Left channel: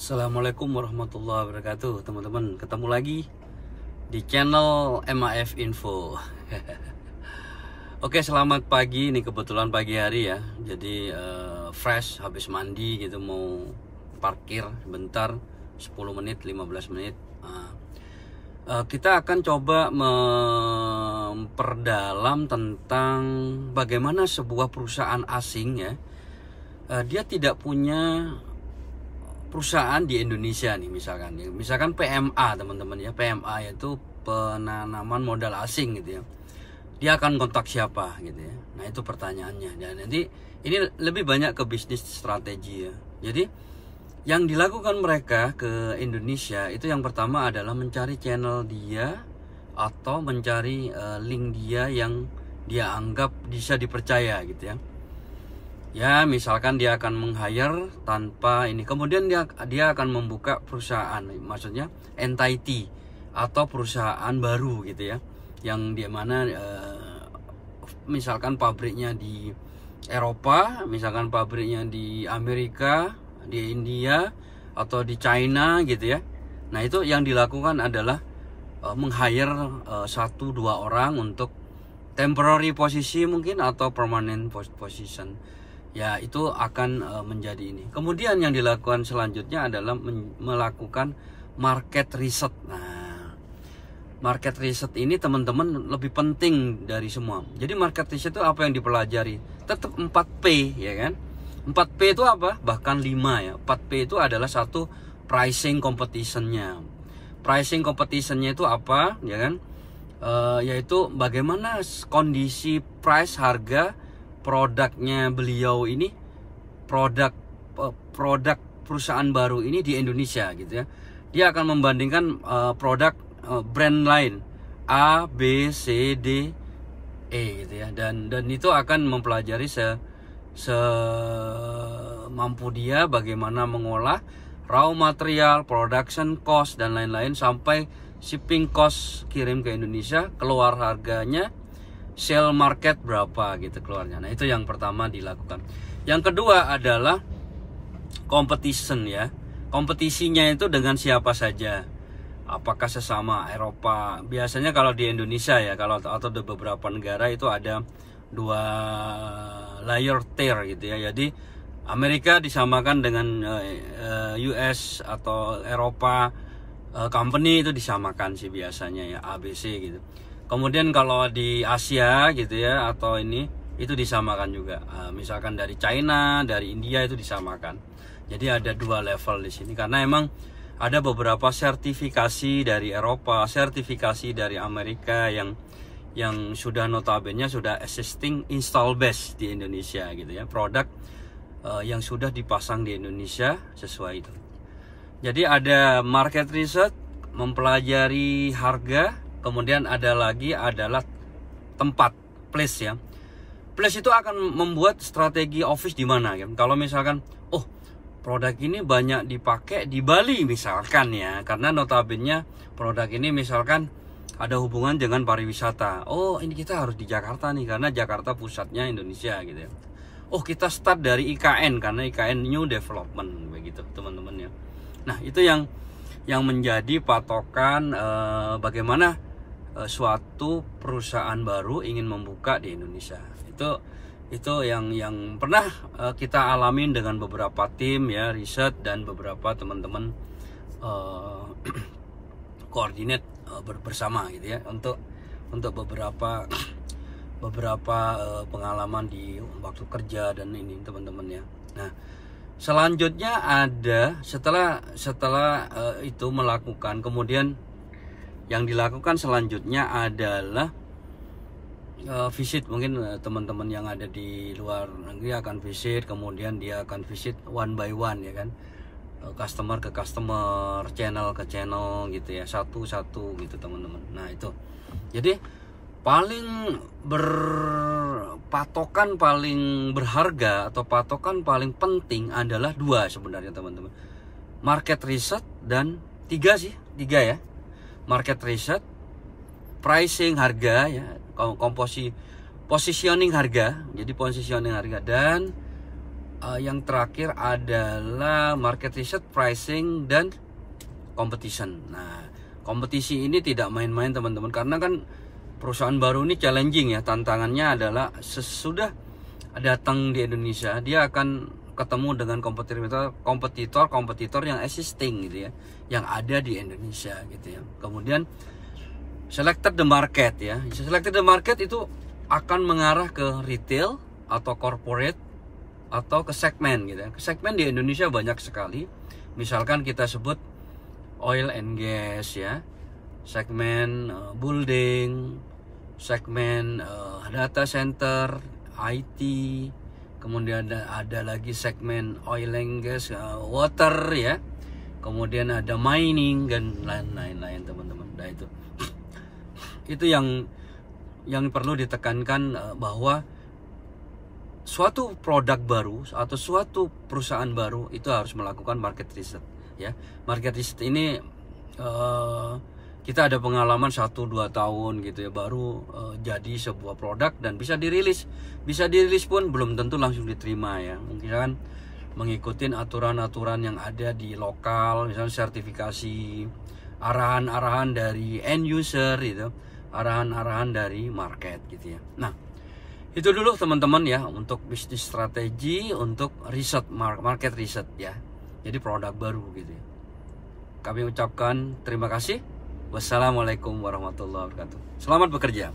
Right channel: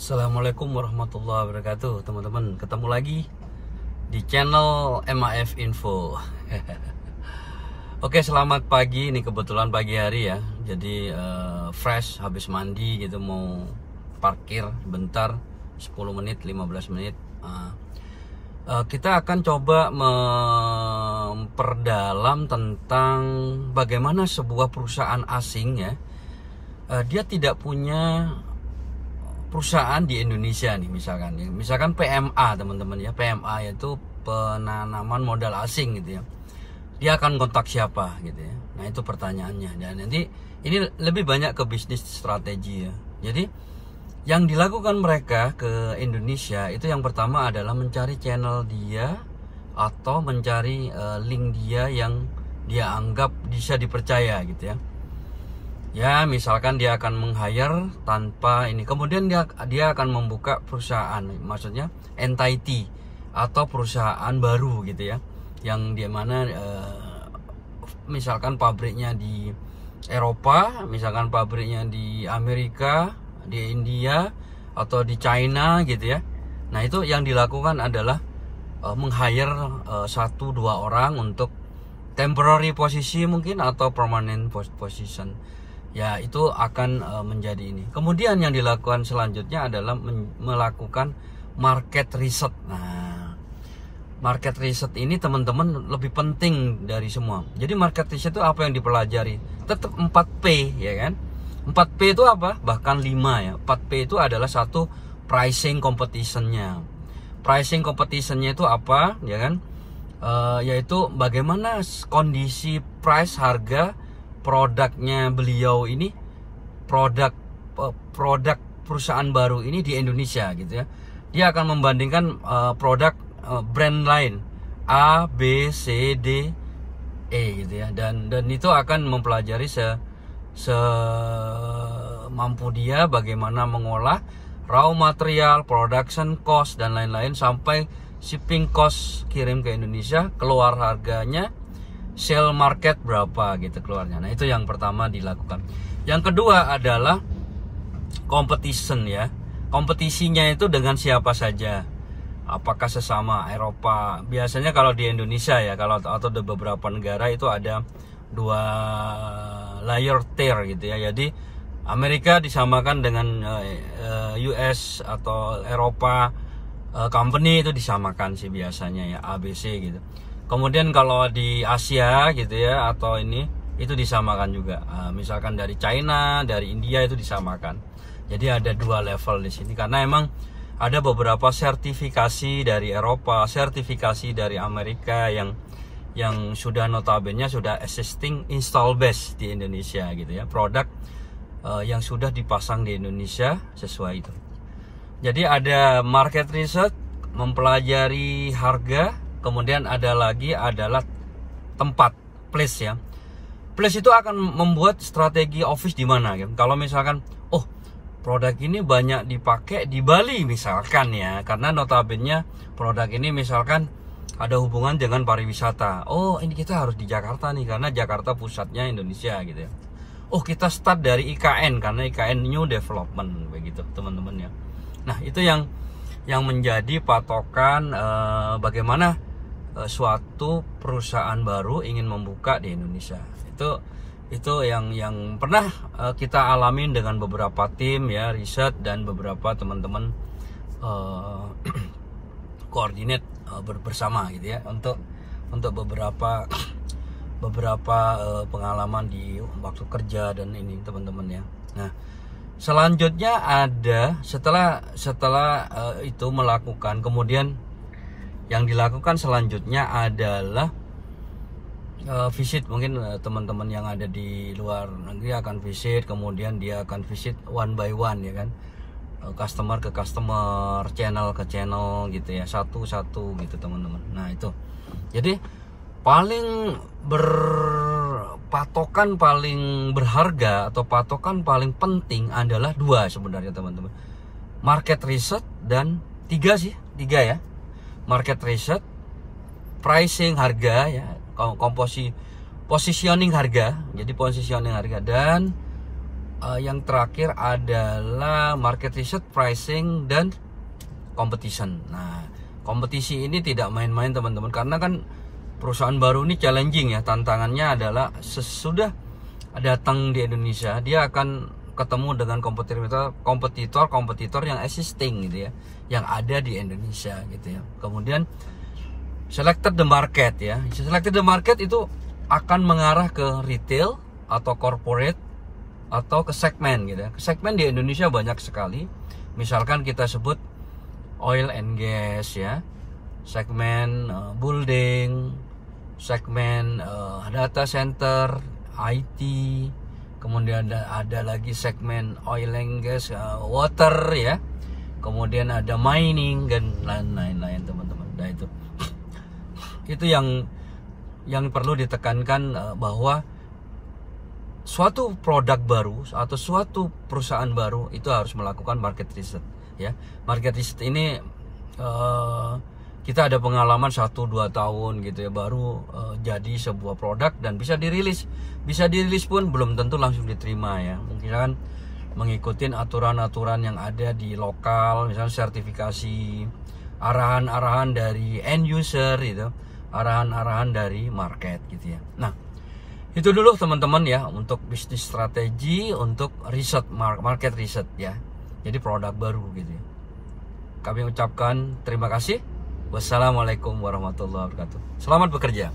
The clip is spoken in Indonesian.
Assalamualaikum warahmatullahi wabarakatuh, teman-teman. Ketemu lagi di channel MAF Info. Oke, selamat pagi. Ini kebetulan pagi hari ya. Jadi fresh habis mandi gitu, mau parkir bentar 10 menit 15 menit. Kita akan coba memperdalam tentang bagaimana sebuah perusahaan asing ya, dia tidak punya perusahaan di Indonesia nih, misalkan PMA, teman-teman ya. PMA yaitu penanaman modal asing gitu ya. Dia akan kontak siapa gitu ya. Nah, itu pertanyaannya. Dan nanti ini lebih banyak ke bisnis strategi ya. Jadi yang dilakukan mereka ke Indonesia itu yang pertama adalah mencari channel dia atau mencari link dia yang dia anggap bisa dipercaya gitu ya. Ya, misalkan dia akan meng-hire tanpa ini. Kemudian dia akan membuka perusahaan, maksudnya entity atau perusahaan baru gitu ya. Yang di mana misalkan pabriknya di Eropa, misalkan pabriknya di Amerika, di India atau di China gitu ya. Nah, itu yang dilakukan adalah meng-hire 1-2 orang untuk temporary posisi mungkin atau permanent position. Ya, itu akan menjadi ini. Kemudian yang dilakukan selanjutnya adalah melakukan market research. Nah, market research ini teman-teman lebih penting dari semua. Jadi market research itu apa yang dipelajari? Tetap 4P ya kan. 4P itu apa? Bahkan 5 ya. 4P itu adalah satu, pricing competition-nya. Pricing competition-nya itu apa ya kan? Yaitu bagaimana kondisi price, harga produknya beliau ini, produk perusahaan baru ini di Indonesia gitu ya. Dia akan membandingkan produk brand lain A, B, C, D, E gitu ya. Dan itu akan mempelajari semampu dia bagaimana mengolah raw material, production cost dan lain-lain, sampai shipping cost kirim ke Indonesia, keluar harganya, sell market berapa gitu keluarnya. Nah, itu yang pertama dilakukan. Yang kedua adalah competition ya. Kompetisinya itu dengan siapa saja. Apakah sesama Eropa? Biasanya kalau di Indonesia ya, atau di beberapa negara itu ada 2 layer tier gitu ya. Jadi Amerika disamakan dengan US atau Eropa company, itu disamakan sih biasanya ya, ABC gitu. Kemudian kalau di Asia gitu ya, atau ini, itu disamakan juga. Misalkan dari China, dari India itu disamakan. Jadi ada 2 level di sini, karena emang ada beberapa sertifikasi dari Eropa, sertifikasi dari Amerika yang sudah notabene sudah existing install base di Indonesia gitu ya. Produk yang sudah dipasang di Indonesia sesuai itu. Jadi ada market research, mempelajari harga. Kemudian ada lagi adalah tempat, place ya. Place itu akan membuat strategi office di mana gitu. Kalau misalkan, oh, produk ini banyak dipakai di Bali misalkan ya, karena notabene produk ini misalkan ada hubungan dengan pariwisata. Oh, ini kita harus di Jakarta nih, karena Jakarta pusatnya Indonesia gitu ya. Oh, kita start dari IKN, karena IKN New Development begitu teman-teman ya. Nah, itu yang menjadi patokan bagaimana suatu perusahaan baru ingin membuka di Indonesia. Itu yang pernah kita alamin dengan beberapa tim ya, riset, dan beberapa teman-teman koordinat bersama gitu ya, untuk beberapa pengalaman di waktu kerja dan ini teman-teman ya. Nah, selanjutnya ada setelah itu melakukan, kemudian yang dilakukan selanjutnya adalah visit. Mungkin teman-teman yang ada di luar negeri akan visit, kemudian dia akan visit one by one ya kan, customer ke customer, channel ke channel gitu ya, satu-satu gitu teman-teman. Nah, itu jadi patokan paling berharga atau patokan paling penting adalah 2 sebenarnya teman-teman. Market research dan 3 ya. Market research, pricing harga ya, positioning harga. Jadi positioning harga, dan yang terakhir adalah market research, pricing, dan competition. Nah, kompetisi ini tidak main-main teman-teman, karena kan perusahaan baru ini challenging ya. Tantangannya adalah sesudah datang di Indonesia, dia akan ketemu dengan kompetitor yang existing gitu ya, yang ada di Indonesia gitu ya. Kemudian selected the market ya. Selected the market itu akan mengarah ke retail atau corporate atau ke segmen gitu ya. Ke segmen di Indonesia banyak sekali. Misalkan kita sebut oil and gas ya, segmen building, segmen data center, IT, kemudian ada lagi segmen oil and gas, water ya, kemudian ada mining dan lain-lain teman-teman. Nah itu yang perlu ditekankan, bahwa suatu produk baru atau suatu perusahaan baru itu harus melakukan market research ya. Market research ini kita ada pengalaman 1-2 tahun gitu ya, baru jadi sebuah produk dan bisa dirilis pun belum tentu langsung diterima ya. Mungkin kan mengikuti aturan-aturan yang ada di lokal, misalnya sertifikasi, arahan-arahan dari end user gitu, arahan-arahan dari market gitu ya. Nah, itu dulu teman-teman ya untuk bisnis strategi, untuk riset, market riset ya. Jadi produk baru gitu ya. Kami ucapkan terima kasih. Wassalamualaikum warahmatullahi wabarakatuh. Selamat bekerja.